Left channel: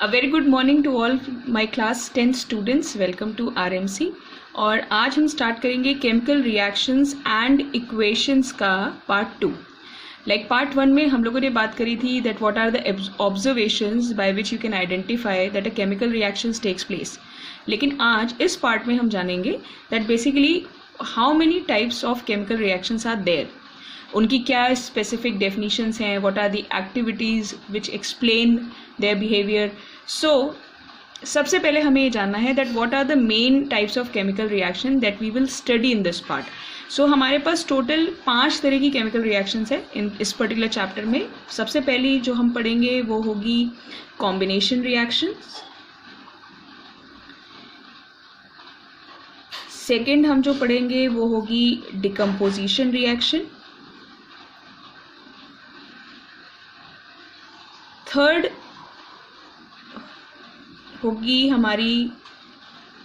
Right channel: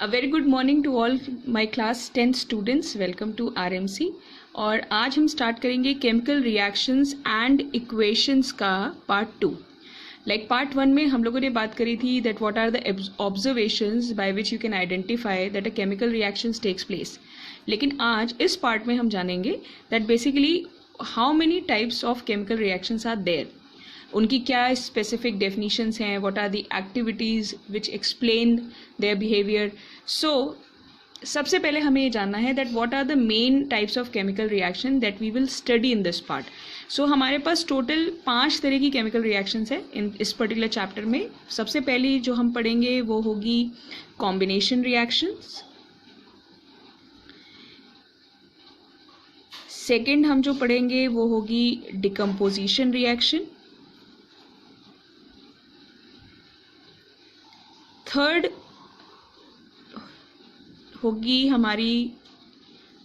A very good morning to all my class 10 students. Welcome to RMC. और आज हम start करेंगे chemical reactions and equations का part 2. Like part 1 में हम लोगों ने बात करी थी that what are the observations by which you can identify that a chemical reactions takes place. लेकिन आज इस पार्ट में हम जानेंगे that basically how many types of chemical reactions are there, उनकी क्या स्पेसिफिक डेफिनेशंस हैं, what are the activities which explain their behaviour. So सबसे पहले हमें ये जानना है that what are the main types of chemical reaction that we will study in this part. So हमारे पास टोटल 5 तरह की केमिकल रिएक्शंस है इन इस पर्टिकुलर चैप्टर में. सबसे पहली जो हम पढ़ेंगे वो होगी कॉम्बिनेशन रिएक्शंस. सेकेंड हम जो पढ़ेंगे वो होगी डिकम्पोजिशन रिएक्शन. थर्ड होगी हमारी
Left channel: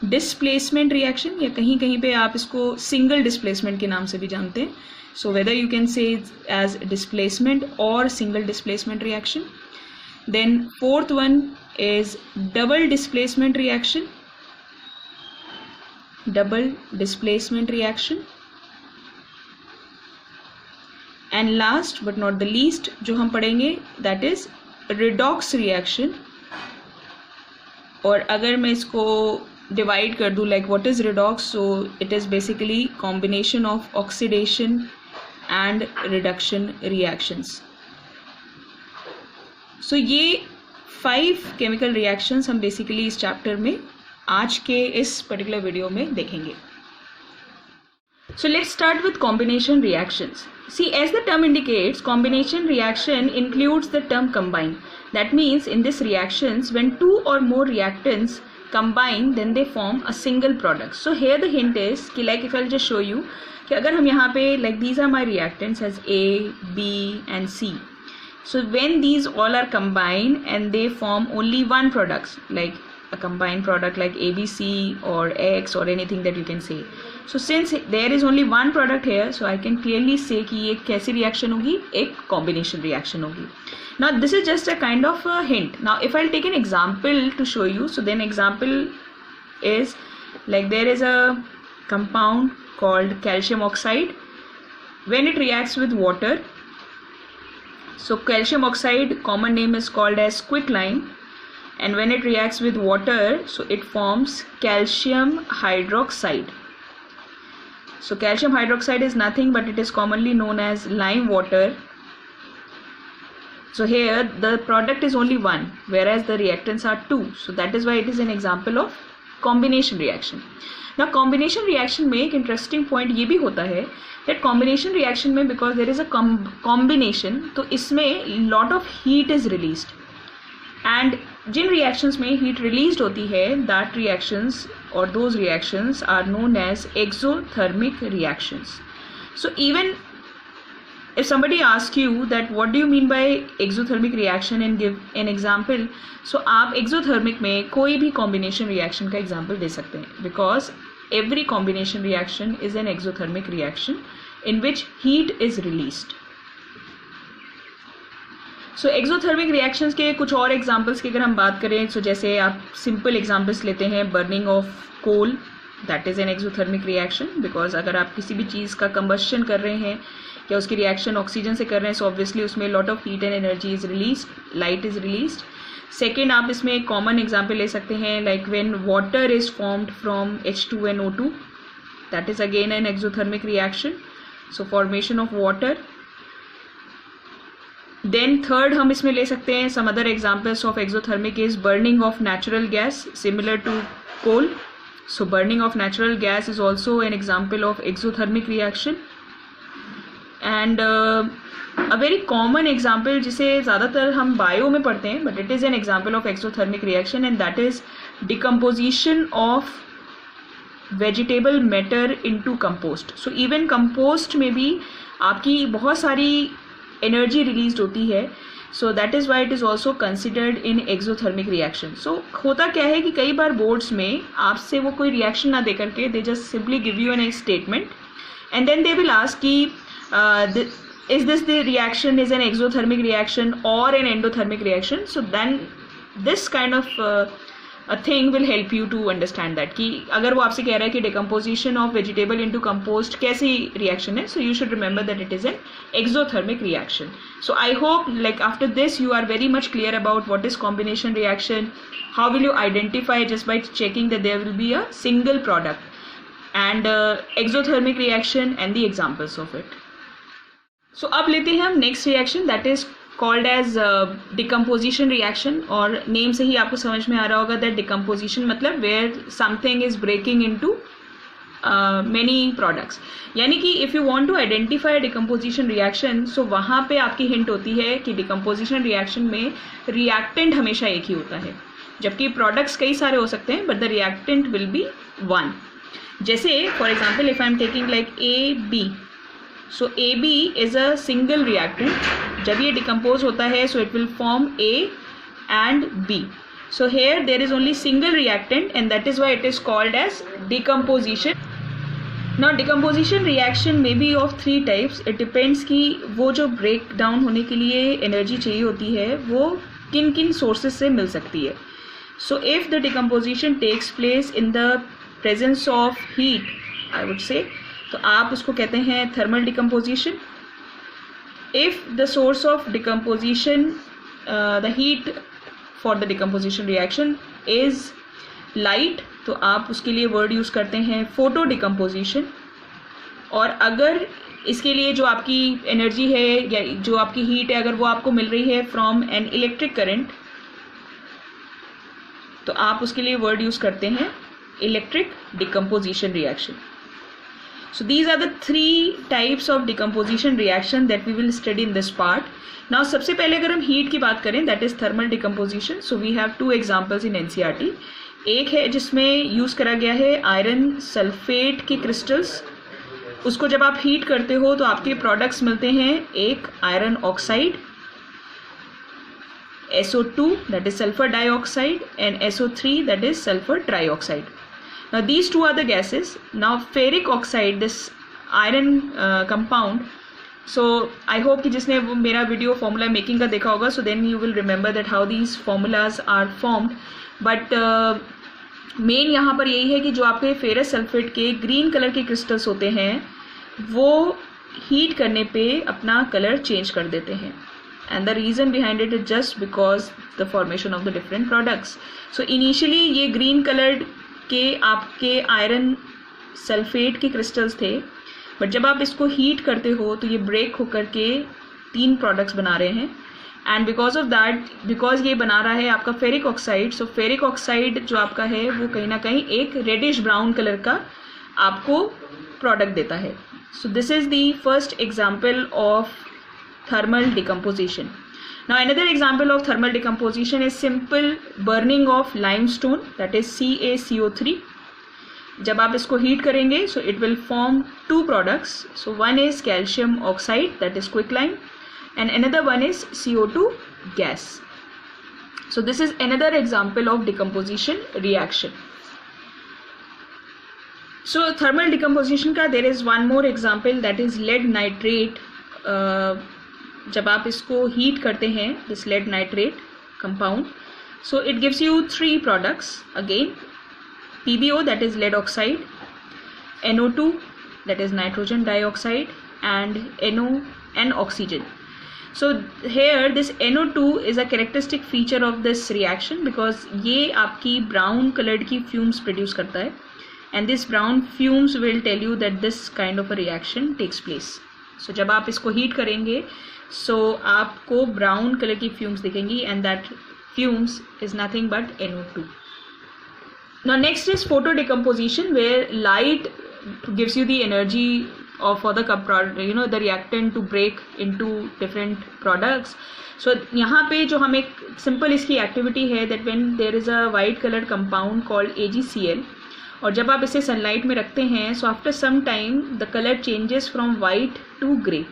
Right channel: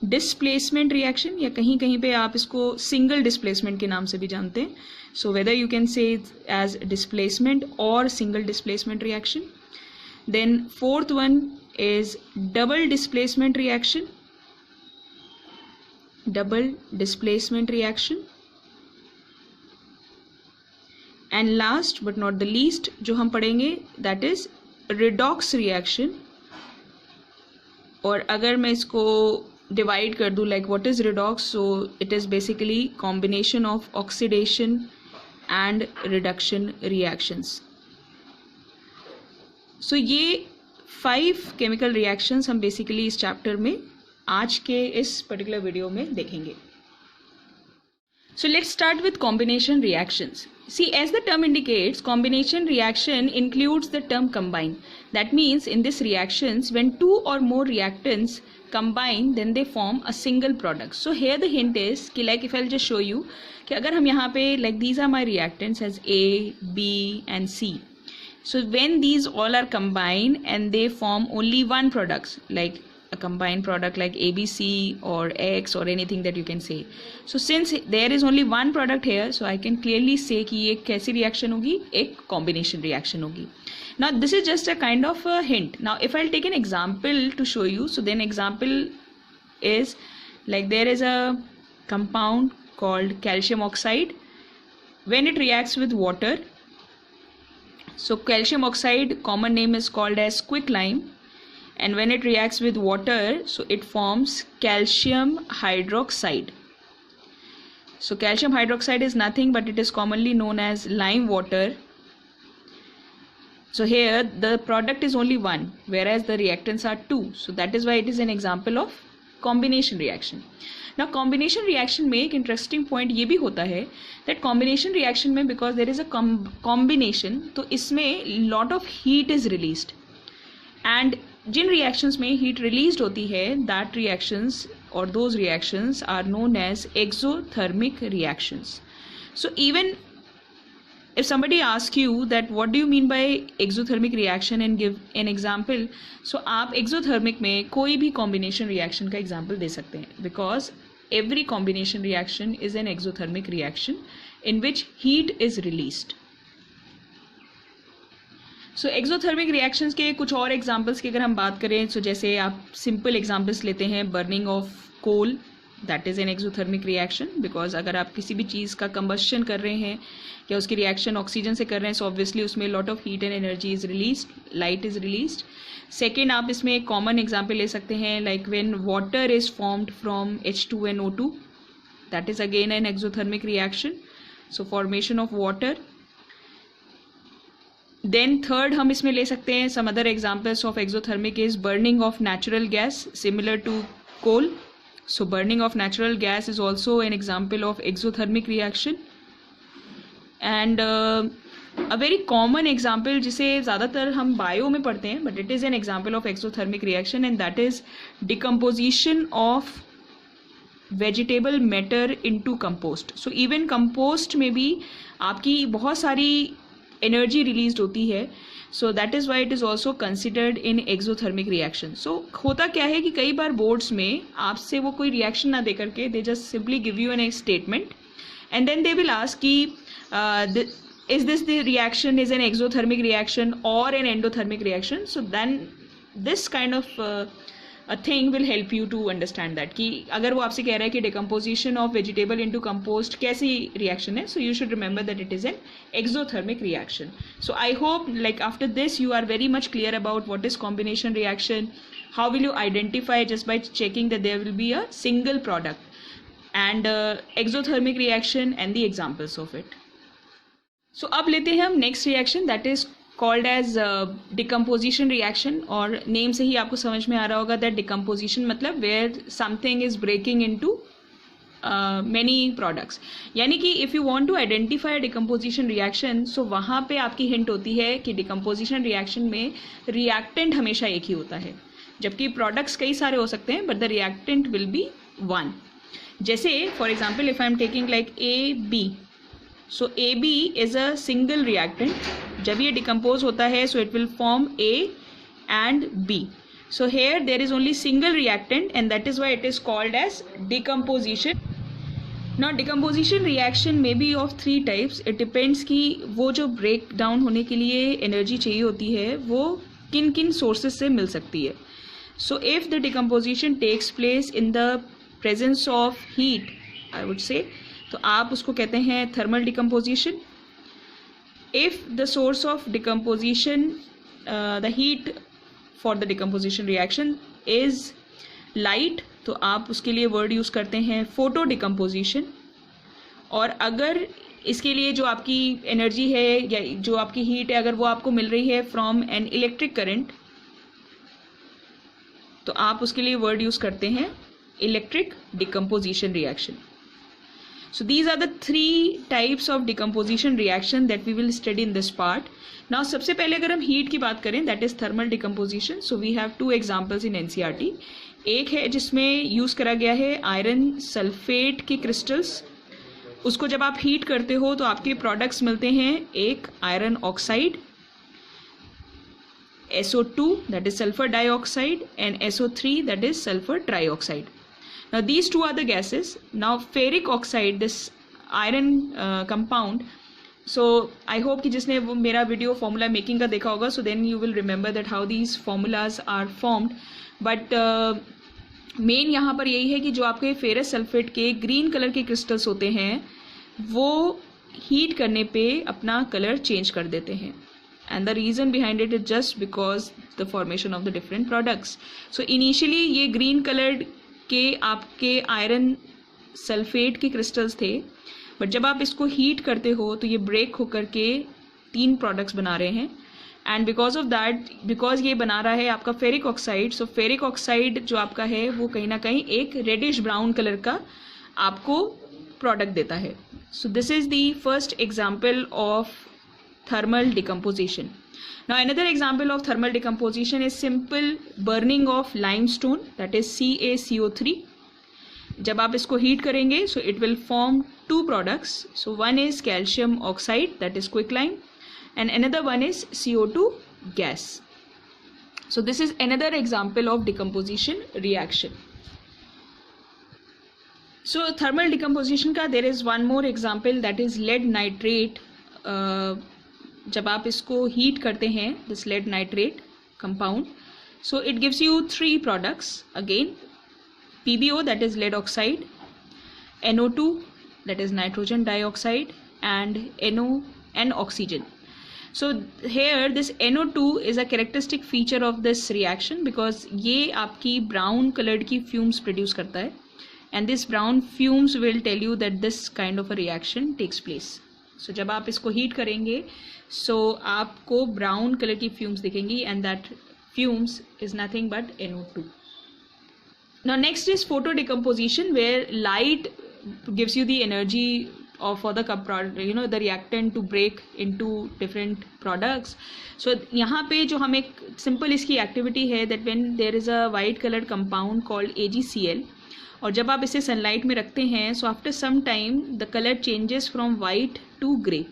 डिस्प्लेसमेंट रिएक्शन, या कहीं कहीं पे आप इसको सिंगल डिस्प्लेसमेंट के नाम से भी जानते हैं. So whether you can say as displacement और single displacement reaction. Then fourth one is double displacement reaction. Double displacement reaction. And last but not the least जो हम पढ़ेंगे दैट इज रिडॉक्स रिएक्शन. और अगर मैं इसको डिवाइड कर दूँ like what is redox, so it is basically combination of oxidation and reduction reactions. So ये 5 केमिकल रिएक्शंस हम बेसिकली इस चैप्टर में आज के इस पर्टिकुलर वीडियो में देखेंगे. So let's start with combination reactions. See, as the term indicates, combination reaction includes the term combine. That means in this reactions, when 2 or more reactants combine, then they form a single product. So here the hint is कि like if I'll just show you कि अगर हम यहाँ पे like these are my reactants as A, B and C. So when these all are combined and they form only one product, like a combined product like ABC or X or anything that you can say. So since there is only one product here, so I can clearly say कि ये कैसी reaction होगी, एक combination reaction होगी. Now this is just a kind of a hint. Now if I'll take an example to show you, so then example is like there is a compound called calcium oxide. When it reacts with water, so calcium oxide common name is called as quicklime. And when it reacts with water, so it forms calcium hydroxide. So calcium hydroxide is nothing but it is commonly known as lime water. So here the product is only one, whereas the reactants are 2. So that is why it is an example of combination reaction. Now combination reaction में एक interesting point ये भी होता है that combination reaction में because there is a combination, तो इसमें lot of heat is released. And Jin reactions में heat released होती है that reactions or those reactions are known as exothermic reactions. So even if somebody asks you that what do you mean by exothermic reaction and give an example, so आप exothermic में कोई भी combination reaction का example दे सकते हैं because every combination reaction is an exothermic reaction in which heat is released. So exothermic reactions के कुछ और एग्जांपल्स की अगर हम बात करें, सो जैसे आप सिंपल एग्जांपल्स लेते हैं burning of coal, that is an exothermic reaction because अगर आप किसी भी चीज़ का कंबस्शन कर रहे हैं या उसकी रिएक्शन ऑक्सीजन से कर रहे हैं, सो ऑब्वियसली उसमें lot of heat and energy is release, light is release. Second आप इसमें एक कॉमन एग्जाम्पल ले सकते हैं like when water is formed from H2NO2, that is again an exothermic reaction. So formation of water. Then third हम इसमें ले सकते हैं some other examples of exothermic is burning of natural gas similar to coal. So burning of natural gas is also an example of exothermic reaction. And a very common example जिसे ज़्यादातर हम bio में पढ़ते हैं but it is an example of exothermic reaction and that is decomposition of vegetable matter into compost. So even compost में भी आपकी बहुत सारी एनर्जी रिलीज होती है. So that is why it is also considered in exothermic reaction. So होता क्या है कि कई बार बोर्ड्स में आपसे वो कोई रिएक्शन ना दे करके they just simply give you an statement and then they will ask कि is this the reaction is an exothermic reaction or an endothermic reaction. So then this kind of a thing will help you to understand that कि अगर वो आपसे कह रहा है कि decomposition of vegetable into compost कैसी reaction है, so you should remember that it is an exothermic reaction. So I hope like after this you are very much clear about what is combination reaction, how will you identify just by checking that there will be a single product, and exothermic reaction and the examples of it. So अब लेते हैं हम next reaction, that is called as decomposition reaction, और name से ही आपको समझ में आ रहा होगा that decomposition मतलब where something is breaking into many products. यानी कि if you want to identify a decomposition reaction, so वहाँ पे आपकी hint होती है कि decomposition reaction में reactant हमेशा एक ही होता है, जबकि products कई सारे हो सकते हैं, but the reactant will be one. जैसे for example if I am taking like AB, so AB is a single reactant. जब ये decompose होता है so it will form A and B. So here there is only single reactant and that is why it is called as decomposition. Now decomposition reaction may be of three types. It depends कि वो जो break down होने के लिए energy चाहिए होती है वो किन किन sources से मिल सकती है. So if the decomposition takes place in the presence of heat, I would say, तो आप उसको कहते हैं thermal decomposition. If the source of decomposition, the heat for the decomposition reaction is light, तो आप उसके लिए वर्ड यूज़ करते हैं फोटो डिकम्पोजिशन. और अगर इसके लिए जो आपकी एनर्जी है या जो आपकी हीट है अगर वो आपको मिल रही है फ्रॉम एन इलेक्ट्रिक करंट, तो आप उसके लिए वर्ड यूज़ करते हैं electric decomposition reaction. So these are the three types of decomposition reaction that we will study in this part. Now सबसे पहले अगर हम heat की बात करें, that is thermal decomposition. So we have two examples in NCERT. एक है जिसमें यूज़ करा गया है आयरन सल्फेट के क्रिस्टल्स. उसको जब आप हीट करते हो तो आपके प्रोडक्ट्स मिलते हैं, एक iron oxide SO2 that is sulfur dioxide and SO3 that is sulfur trioxide. Now these two are the gases. Now ferric oxide, this iron compound, so I hope कि जिसने वो मेरा वीडियो फॉर्मूला मेकिंग का देखा होगा, so then you will remember that how these formulas are formed. But main यहाँ पर यही है कि जो आपके फेरस सल्फेट के ग्रीन कलर के क्रिस्टल्स होते हैं वो हीट करने पे अपना कलर चेंज कर देते हैं, and the reason behind it is just because the formation of the different products. So initially ये green colored के आपके आयरन सल्फेट के क्रिस्टल्स थे, बट जब आप इसको हीट करते हो तो ये ब्रेक होकर के तीन प्रोडक्ट्स बना रहे हैं. And because of that, because ये बना रहा है आपका फेरिक ऑक्साइड, सो फेरिक ऑक्साइड जो आपका है वो कहीं ना कहीं एक रेडिश ब्राउन कलर का आपको प्रोडक्ट देता है. So this is the first example of thermal decomposition. Now another example of thermal decomposition is simple burning of limestone, that is CaCO3. जब आप इसको हीट करेंगे so it will form two products. So one is calcium oxide, that is quicklime, and another one is CO2 gas. So this is another example of decomposition reaction. So thermal decomposition का there is one more example, that is lead nitrate. जब आप इसको heat करते हैं this led nitrate compound, so it gives you three products again, PbO that is lead oxide, NO2 that is nitrogen dioxide, and NO and oxygen. So here this NO2 is a characteristic feature of this reaction because ये आपकी brown colored की fumes produce करता है, and this brown fumes will tell you that this kind of a reaction takes place. So जब आप इसको heat करेंगे so आपको ब्राउन कलर की फ्यूम्स दिखेंगी and that fumes is nothing but NO2. Now next is photo decomposition where light gives you the energy for the the reactant to break into different products. So यहाँ पे जो हम एक simple इसकी activity है that when there is a white colored compound called AgCl, और जब आप इसे सनलाइट में रखते हैं so after some time the color changes from white to grey.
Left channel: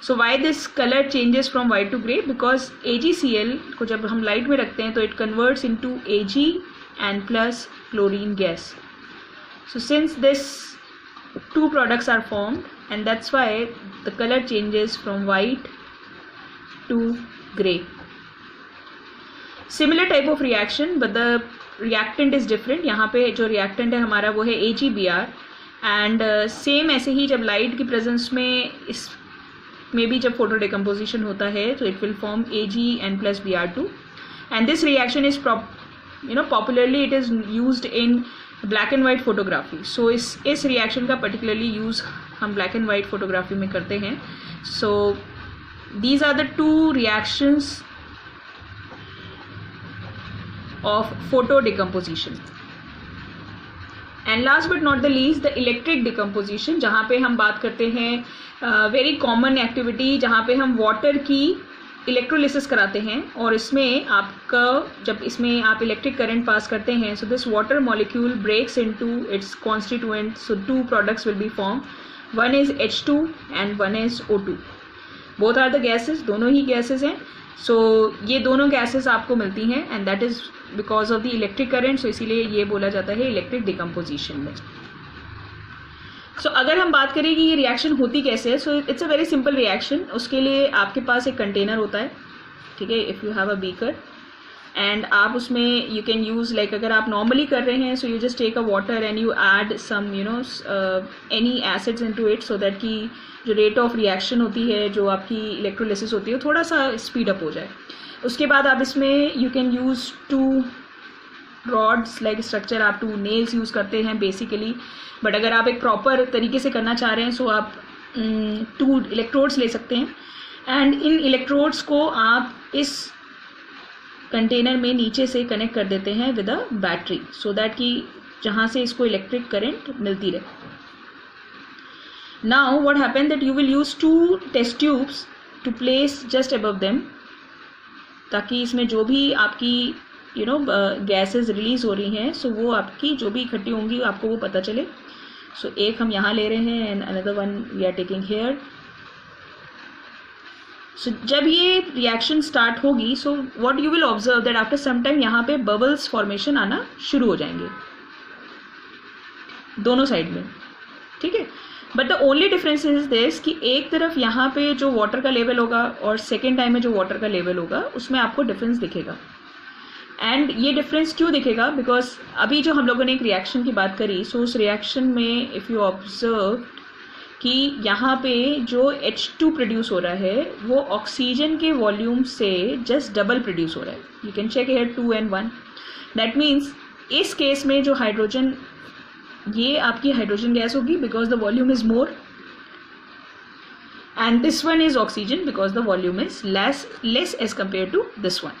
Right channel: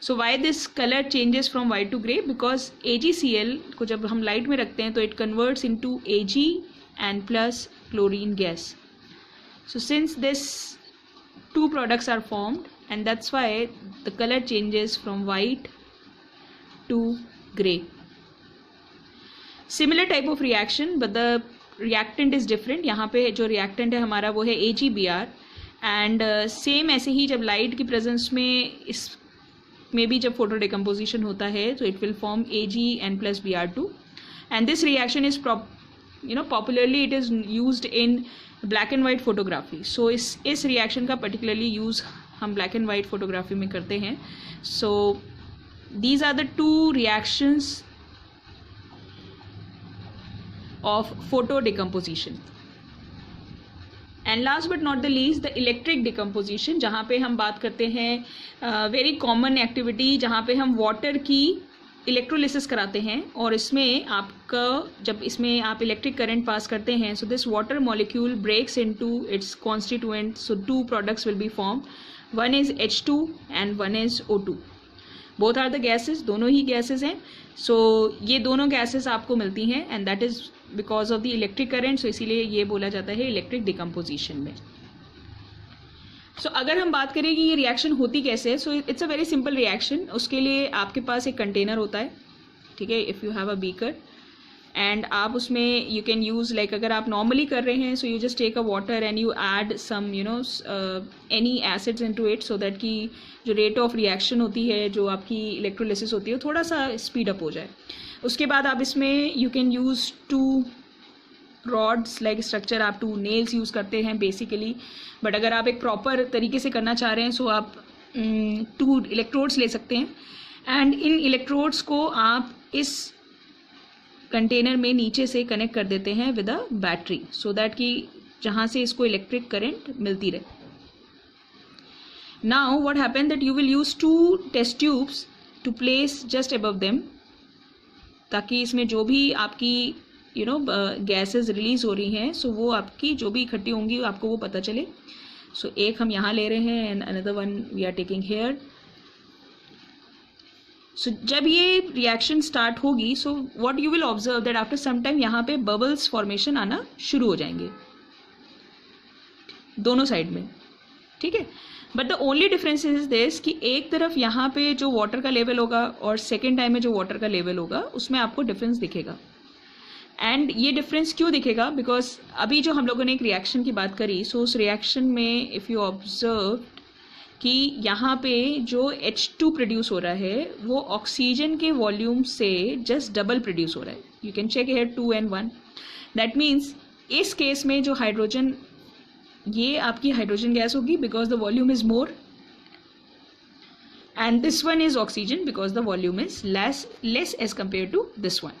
So why this color changes from white to grey? Because AgCl को जब हम लाइट में रखते हैं तो it converts into Ag and plus chlorine gas. So since this two products are formed and that's why the color changes from white to grey. Similar type of reaction but the reactant is different. यहाँ पे जो reactant है हमारा वो है AgBr and same ऐसे ही जब light की प्रेजेंस में इस में भी जब फोटो डिकम्पोजिशन होता है तो it will form AgN+Br2 and this reaction is popularly it is used in black and white photography. So इस रिएक्शन का पर्टिकुलरली यूज़ हम ब्लैक एंड वाइट फोटोग्राफी में करते हैं. So these are the two reactions of photo decomposition. And last but not the least the electric decomposition, जहाँ पे हम बात करते हैं वेरी कॉमन एक्टिविटी जहाँ पे हम वाटर की इलेक्ट्रोलिसिस कराते हैं और इसमें आपका जब इसमें आप इलेक्ट्रिक करंट पास करते हैं so this water molecule breaks into its constituent. So two products will be form. One is H2 and one is O2. Both are the gases, दोनों ही गैसेस हैं. सो ये दोनों गैसेस आपको मिलती हैं and that is because of the electric current. So इसीलिए ये बोला जाता है इलेक्ट्रिक डिकम्पोजिशन में. सो अगर हम बात करें कि ये रिएक्शन होती कैसे है, so it's a very simple reaction. उसके लिए आपके पास एक कंटेनर होता है, ठीक है. If you have a beaker and आप उसमें यू कैन यूज़ लाइक अगर आप नॉर्मली कर रहे हैं so you just take a water and you add some any acids into it so that कि जो रेट ऑफ रिएक्शन होती है, जो आपकी इलेक्ट्रोलिसिस होती है, थोड़ा सा स्पीड अप हो जाए. उसके बाद आप इसमें you can use 2 rods like structure. आप 2 नेल्स यूज़ करते हैं बेसिकली, बट अगर आप एक प्रॉपर तरीके से करना चाह रहे हैं सो आप 2 इलेक्ट्रोड्स ले सकते हैं एंड इन इलेक्ट्रोड्स को आप इस कंटेनर में नीचे से कनेक्ट कर देते हैं with a battery so that कि जहाँ से इसको इलेक्ट्रिक करंट मिलती रहे. Now what happen that you will use 2 test tubes to place just above them ताकि इसमें जो भी आपकी गैसेस रिलीज हो रही हैं सो वो आपकी जो भी इकट्ठी होंगी आपको वो पता चले. सो एक हम यहाँ ले रहे हैं and another one we are taking here. So जब ये रिएक्शन स्टार्ट होगी so what you will observe that after some time यहाँ पे बबल्स फॉर्मेशन आना शुरू हो जाएंगे दोनों साइड में, ठीक है. But the only difference is this कि एक तरफ यहाँ पे जो वाटर का लेवल होगा और सेकेंड टाइम में जो वाटर का लेवल होगा उसमें आपको डिफरेंस दिखेगा. एंड ये डिफरेंस क्यों दिखेगा? बिकॉज अभी जो हम लोगों ने एक रिएक्शन की बात करी सो उस रिएक्शन में इफ़ यू ऑब्जर्व कि यहाँ पे जो H2 प्रोड्यूस हो रहा है वो ऑक्सीजन के वॉल्यूम से जस्ट डबल प्रोड्यूस हो रहा है. You can check here 2 and 1. That means इस केस में जो हाइड्रोजन ये आपकी हाइड्रोजन गैस होगी because the volume is more and this one is oxygen because the volume is less as compare to this one.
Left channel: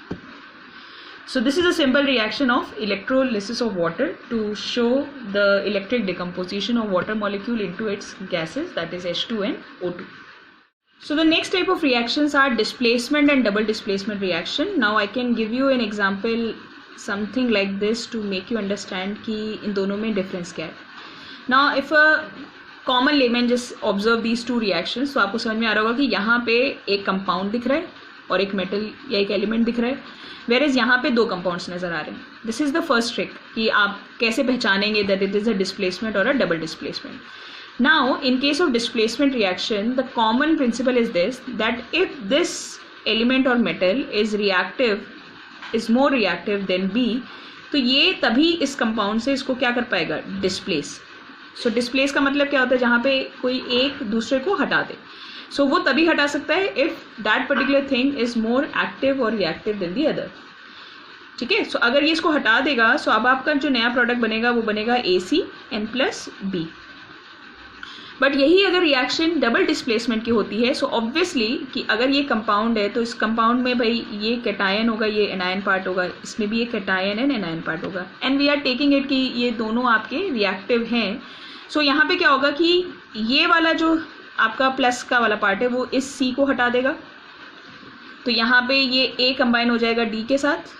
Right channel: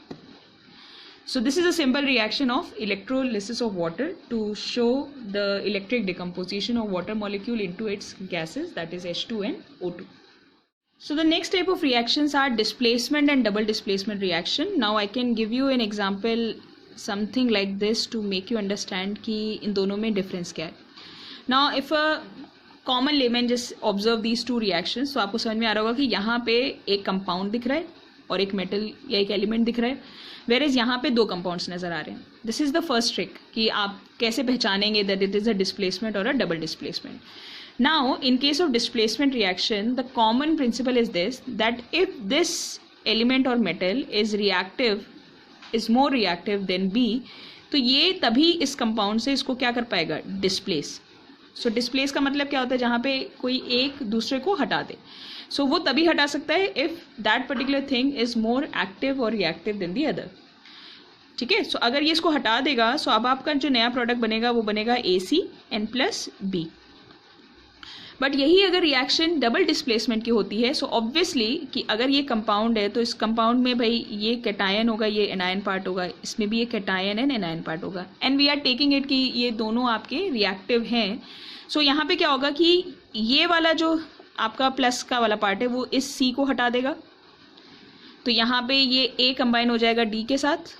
So this is a simple reaction of electrolysis of water to show the electric decomposition of water molecule into its gases, that is H2 and O2. So the next type of reactions are displacement and double displacement reaction. Now I can give you an example something like this to make you understand कि इन दोनों में difference क्या है. Now if a common layman just observe these two reactions तो आपको समझ में आ रहा होगा कि यहाँ पे एक compound दिख रहा है और एक metal या एक element दिख रहा है, वेरेज यहाँ पे 2 कंपाउंड्स नज़र आ रहे हैं. This is the first trick कि आप कैसे पहचानेंगे that it is a displacement और a double displacement. Now in case of displacement reaction the common principle is this that if this element और metal is more reactive than B तो ये तभी इस कंपाउंड से इसको क्या कर पाएगा? डिस्प्लेस. सो डिस्प्लेस का मतलब क्या होता है? जहाँ पे कोई एक दूसरे को हटा दे. सो वो तभी हटा सकता है if that particular thing is more active और रिएक्टिव देन दी अदर, ठीक है. सो अगर ये इसको हटा देगा सो अब आपका जो नया प्रोडक्ट बनेगा वो बनेगा ACN+B. बट यही अगर रिएक्शन डबल डिस्प्लेसमेंट की होती है सो ऑब्वियसली कि अगर ये कंपाउंड है तो इस कंपाउंड में भाई ये कैटायन होगा, ये एनायन पार्ट होगा, इसमें भी ये कैटायन एंड एनायन पार्ट होगा and we are taking it कि ये दोनों आपके रिएक्टिव हैं. सो यहाँ पे क्या होगा कि ये वाला जो आपका प्लस का वाला पार्ट है वो इस C को हटा देगा तो यहाँ पे ये A कंबाइन हो जाएगा D के साथ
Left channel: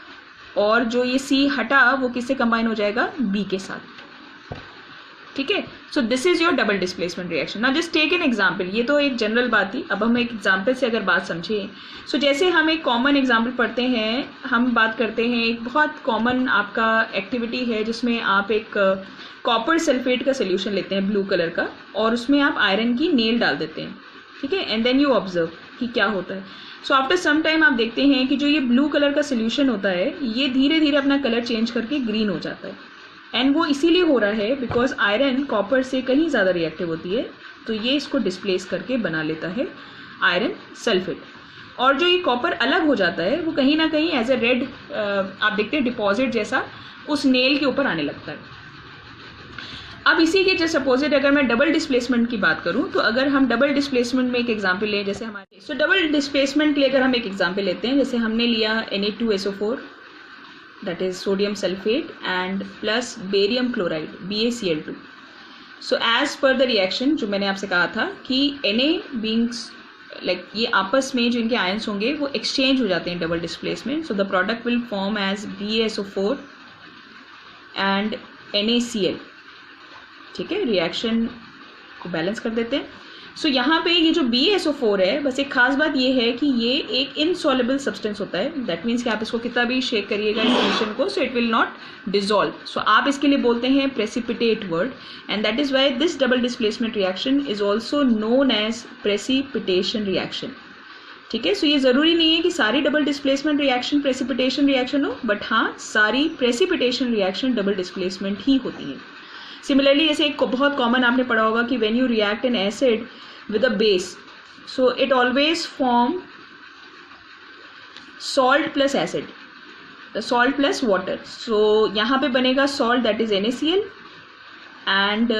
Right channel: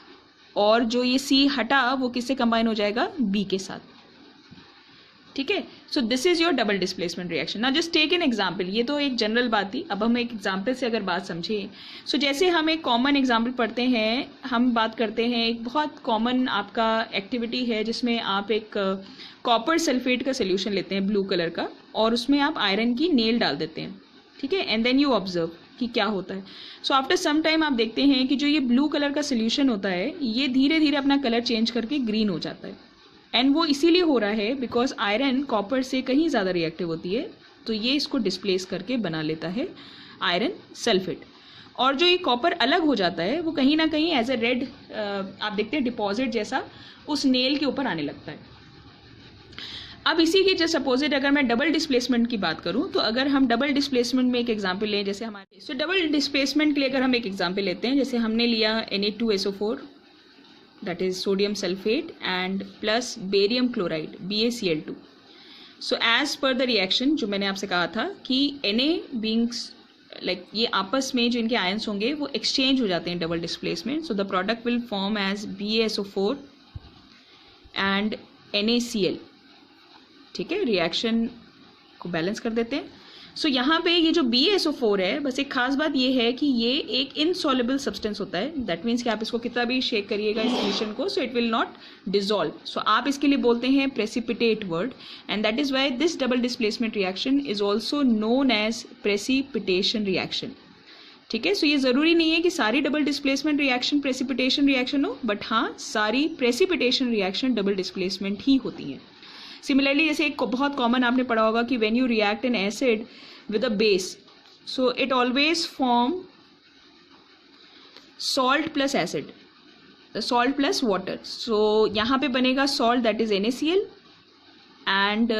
और जो ये C हटा वो किससे कंबाइन हो जाएगा? B के साथ, ठीक है. So this is your double displacement reaction. Now just take an example. ये तो एक जनरल बात थी, अब हम एक एग्जांपल से अगर बात समझें सो जैसे हम एक कॉमन एग्जांपल पढ़ते हैं, हम बात करते हैं एक बहुत कॉमन आपका एक्टिविटी है जिसमें आप एक कॉपर सल्फेट का सोल्यूशन लेते हैं ब्लू कलर का और उसमें आप आयरन की नेल डाल देते हैं, ठीक है. एंड देन यू ऑब्जर्व कि क्या होता है. सो आफ्टर सम टाइम आप देखते हैं कि जो ये ब्लू कलर का सोल्यूशन होता है ये धीरे धीरे अपना कलर चेंज करके ग्रीन हो जाता है, एंड वो इसीलिए हो रहा है बिकॉज आयरन कॉपर से कहीं ज़्यादा रिएक्टिव होती है, तो ये इसको डिस्प्लेस करके बना लेता है आयरन सल्फेट। और जो ये कॉपर अलग हो जाता है वो कहीं ना कहीं एज ए रेड आप देखते हैं डिपॉजिट जैसा उस नेल के ऊपर आने लगता है। अब इसी के जस्ट सपोजिट अगर मैं डबल डिस्प्लेसमेंट की बात करूं, तो अगर हम डबल डिस्प्लेसमेंट में एक एग्जांपल लें, जैसे हमारे डबल डिस्प्लेसमेंट के लिए अगर हम एक एग्जांपल लेते हैं, जैसे हमने लिया Na2SO4 that is sodium sulphate and plus barium chloride BaCl2। So as per the reaction जो मैंने आपसे कहा था कि Na बीइंग्स लाइक ये आपस में जो इनके आयंस होंगे वो एक्सचेंज हो जाते हैं double displacement, so the product will form as BaSO4 and NaCl। ठीक है, रिएक्शन को बैलेंस कर देते हैं। सो यहाँ पे ये जो BaSO4 है, बस एक खास बात ये है कि ये एक इनसॉल्युबल सब्सटेंस होता है, दैट मीन्स कि आप इसको कितना भी शेक करिएगा इस सोल्यूशन को, so it will not dissolve. So आप इसके लिए बोलते हैं precipitate word, and that is why this double displacement reaction is also known as precipitation reaction. ठीक है, सो ये ज़रूरी नहीं है कि सारी double displacement reaction precipitation reaction हो, बट हाँ सारी प्रेसिपिटेशन रिएक्शन डबल डिस्प्लेसमेंट ही होती है। सिमिलरली जैसे एक बहुत कॉमन आपने पढ़ा होगा कि when you react an acid with a base, so it always form salt plus acid, salt plus water. So यहाँ पे बनेगा salt that is NaCl and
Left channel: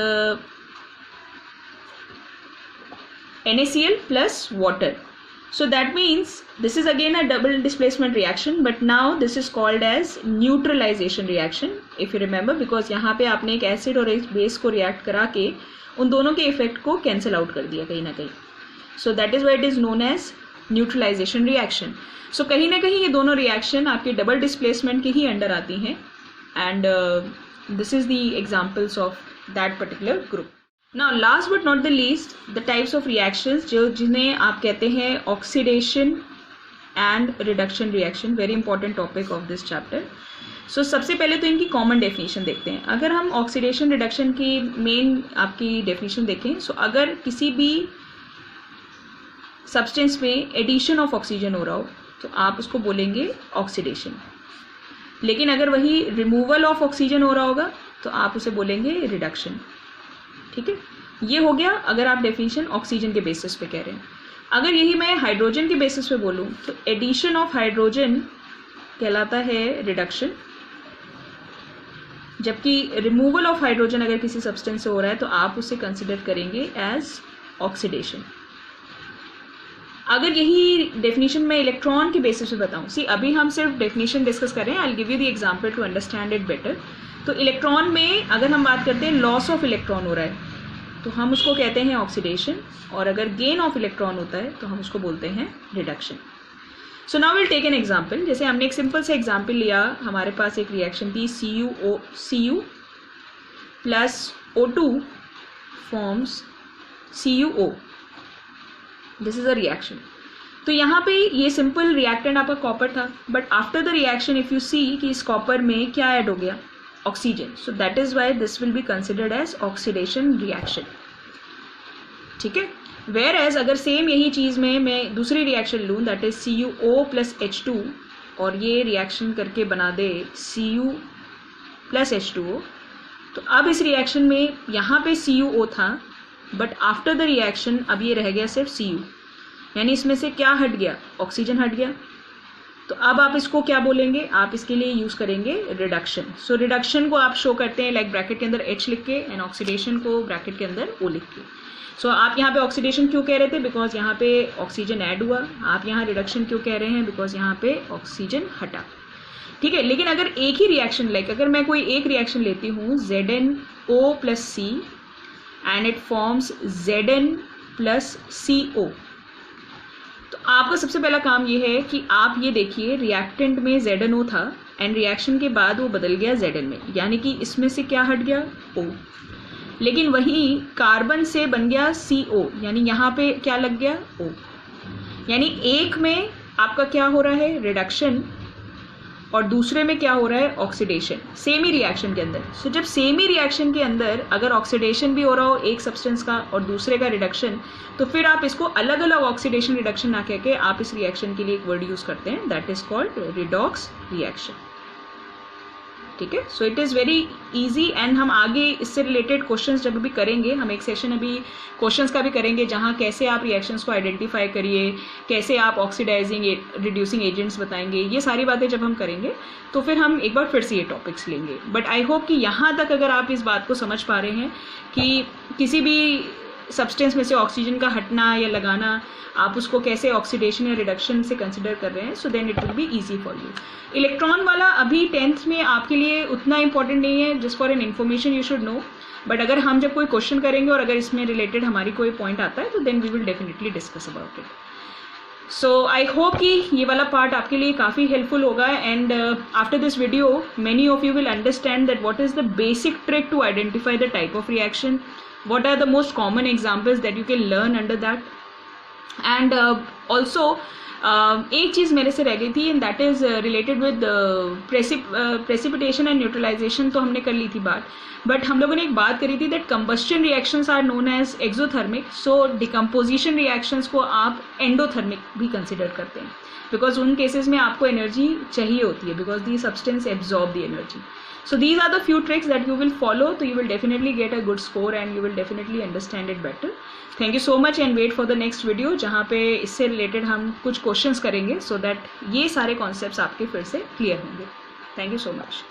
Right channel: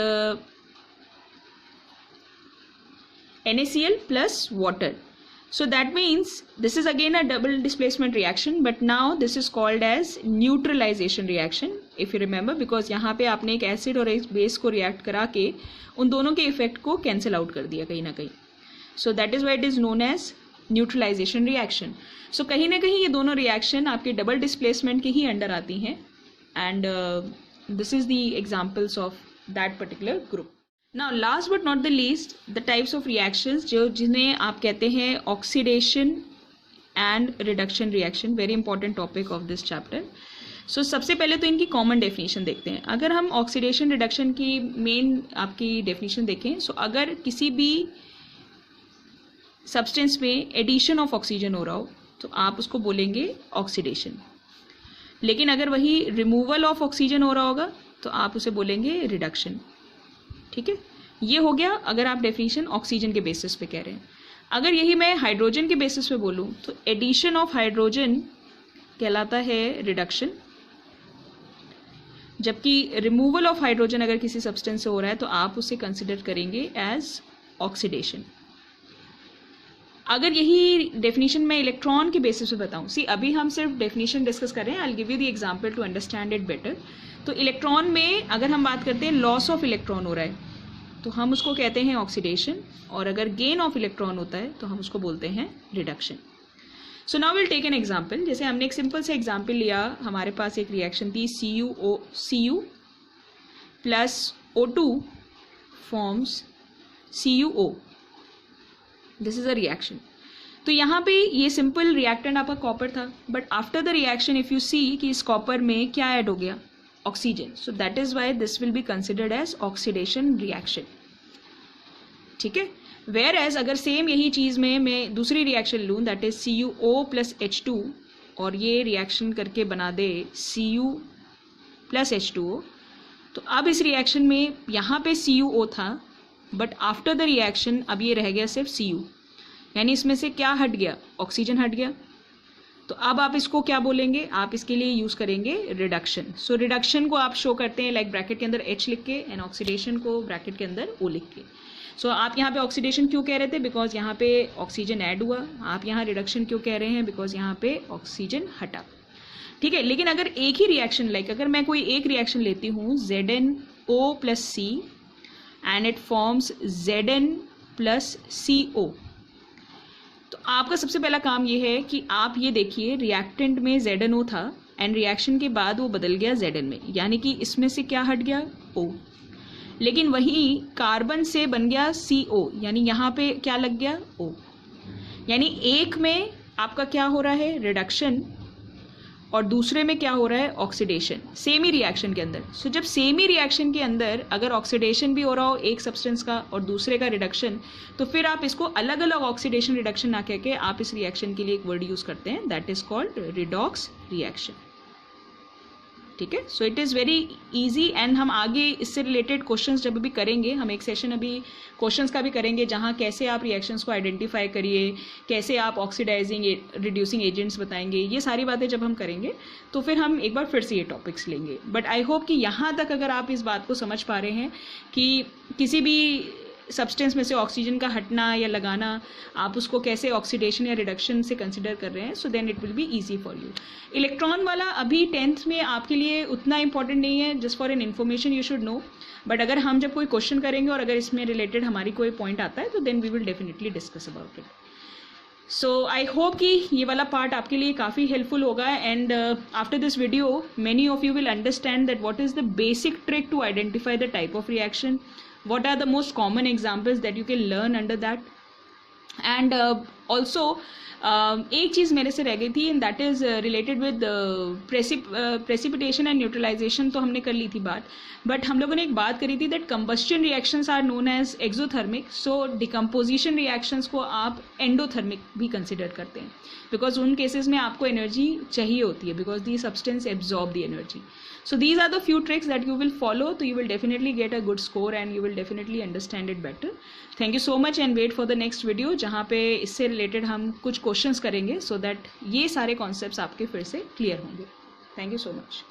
NaCl plus water. So that means this is again a double displacement reaction, but now this is called as neutralization reaction if you remember, because यहाँ पे आपने एक acid और एक base को react करा के उन दोनों के इफेक्ट को कैंसिल आउट कर दिया कहीं ना कहीं. So that is why it is known as neutralization reaction. So कहीं ना कहीं ये दोनों रिएक्शन आपके डबल डिस्प्लेसमेंट के ही अंडर आती हैं, and this is the examples of that particular group. Now last but not the least, the types of reactions जो जिन्हें आप कहते हैं oxidation and reduction reaction, very important topic of this chapter. So सबसे पहले तो इनकी common definition देखते हैं. अगर हम oxidation reduction की main आपकी definition देखें, so अगर किसी भी substance में addition of oxygen हो रहा हो तो आप उसको बोलेंगे oxidation. लेकिन अगर वही removal of oxygen हो रहा होगा तो आप उसे बोलेंगे reduction. ठीक है, ये हो गया अगर आप डेफिनेशन ऑक्सीजन के बेसिस पे कह रहे हैं. अगर यही मैं हाइड्रोजन के बेसिस पे बोलूँ तो एडिशन ऑफ हाइड्रोजन कहलाता है रिडक्शन, जबकि रिमूवल ऑफ हाइड्रोजन अगर किसी सब्सटेंस से हो रहा है तो आप उसे कंसिडर करेंगे एज ऑक्सीडेशन. अगर यही डेफिनेशन मैं इलेक्ट्रॉन के बेसिस पे बताऊँ, सी अभी हम सिर्फ डेफिनेशन डिस्कस कर रहे हैं, I will give you the example to understand it better. तो इलेक्ट्रॉन में अगर हम बात करते हैं लॉस ऑफ इलेक्ट्रॉन हो रहा है तो हम उसको कहते हैं ऑक्सीडेशन, और अगर गेन ऑफ इलेक्ट्रॉन होता है तो हम उसको बोलते हैं reduction. So now will take an example. जैसे हमने एक सिंपल से एग्जांपल लिया, हमारे पास एक रिएक्शन थी Cu plus O2 forms CuO. This is a reaction. तो यहाँ पे ये सिंपल रिएक्टेंट आपका कॉपर था, but after the reaction if you see कि इस कॉपर में क्या ऐड हो गया, oxygen. So that is why this will be considered as oxidation reaction. ठीक है, वेयर एज अगर सेम यही चीज़ में मैं दूसरी रिएक्शन लूँ that is CuO plus H2 और ये रिएक्शन करके बना दे Cu प्लस H2O, तो अब इस रिएक्शन में यहाँ पे CuO था, बट आफ्टर द रिएक्शन अब ये रह गया सिर्फ Cu, यानी इसमें से क्या हट गया, ऑक्सीजन हट गया. तो अब आप इसको क्या बोलेंगे, आप इसके लिए यूज़ करेंगे रिडक्शन. सो रिडक्शन को आप शो करते हैं लाइक ब्रैकेट के अंदर H लिख के, एंड ऑक्सीडेशन को ब्रैकेट के अंदर O लिख के. सो आप यहाँ पे ऑक्सीडेशन क्यों कह रहे थे, बिकॉज यहाँ पे ऑक्सीजन ऐड हुआ. आप यहाँ रिडक्शन क्यों कह रहे हैं, बिकॉज यहाँ पे ऑक्सीजन हटा. ठीक है, लेकिन अगर एक ही रिएक्शन लाइक अगर मैं कोई एक रिएक्शन लेती हूँ ZnO plus C and it forms Zn plus CO, तो आपका सबसे पहला काम ये है कि आप ये देखिए रिएक्टेंट में ZnO था एंड रिएक्शन के बाद वो बदल गया Zn में, यानी कि इसमें से क्या हट गया, O. लेकिन वहीं कार्बन से बन गया CO, यानी यहाँ पे क्या लग गया, O. यानी एक में आपका क्या हो रहा है, रिडक्शन, और दूसरे में क्या हो रहा है, ऑक्सीडेशन, सेम ही रिएक्शन के अंदर। सो जब सेम ही रिएक्शन के अंदर अगर ऑक्सीडेशन भी हो रहा हो एक सब्सटेंस का और दूसरे का रिडक्शन, तो फिर आप इसको अलग अलग ऑक्सीडेशन रिडक्शन ना कह के आप इस रिएक्शन के लिए एक वर्ड यूज करते हैं, that is called redox reaction. ठीक है, सो it is very easy and हम आगे इससे रिलेटेड क्वेश्चंस जब भी करेंगे, हम एक सेशन अभी क्वेश्चंस का भी करेंगे जहाँ कैसे आप रिएक्शंस को आइडेंटिफाई करिए, कैसे आप ऑक्सीडाइजिंग रिड्यूसिंग एजेंट्स बताएंगे, ये सारी बातें जब हम करेंगे तो फिर हम एक बार फिर से ये टॉपिक्स लेंगे। बट आई होप कि यहाँ तक अगर आप इस बात को समझ पा रहे हैं कि किसी भी सब्सटेंस में से ऑक्सीजन का हटना या लगाना, आप उसको कैसे ऑक्सीडेशन या रिडक्शन से कंसिडर कर रहे हैं, so then it will be easy for you. Electron वाला अभी 10th में आपके लिए उतना इंपॉर्टेंट नहीं है, just for an information you should know, but अगर हम जब कोई क्वेश्चन करेंगे और अगर इसमें रिलेटेड हमारी कोई पॉइंट आता है तो then we will definitely discuss about it. So I hope कि ये वाला पार्ट आपके लिए काफ़ी हेल्पफुल होगा and after this video many of you will understand that what is the basic trick to identify the type of reaction, what are the most common examples that you can learn under that and also एक चीज़ मेरे से रह गई थी and that is related with precipitation and neutralisation, तो हमने कर ली थी बात, बट हम लोगों ने एक बात करी थी that combustion reactions are known as exothermic, so decomposition reactions को आप एंडोथर्मिक भी कंसिडर करते हैं बिकॉज उन केसेस में आपको एनर्जी चाहिए होती है because the substance absorb the energy. So these are the few tricks that you will follow, so you will definitely get a good score and you will definitely understand it better. Thank you so much and wait for the next video जहाँ पे इससे related हम कुछ questions करेंगे so that ये सारे concepts आपके फिर से clear होंगे. Thank you so much.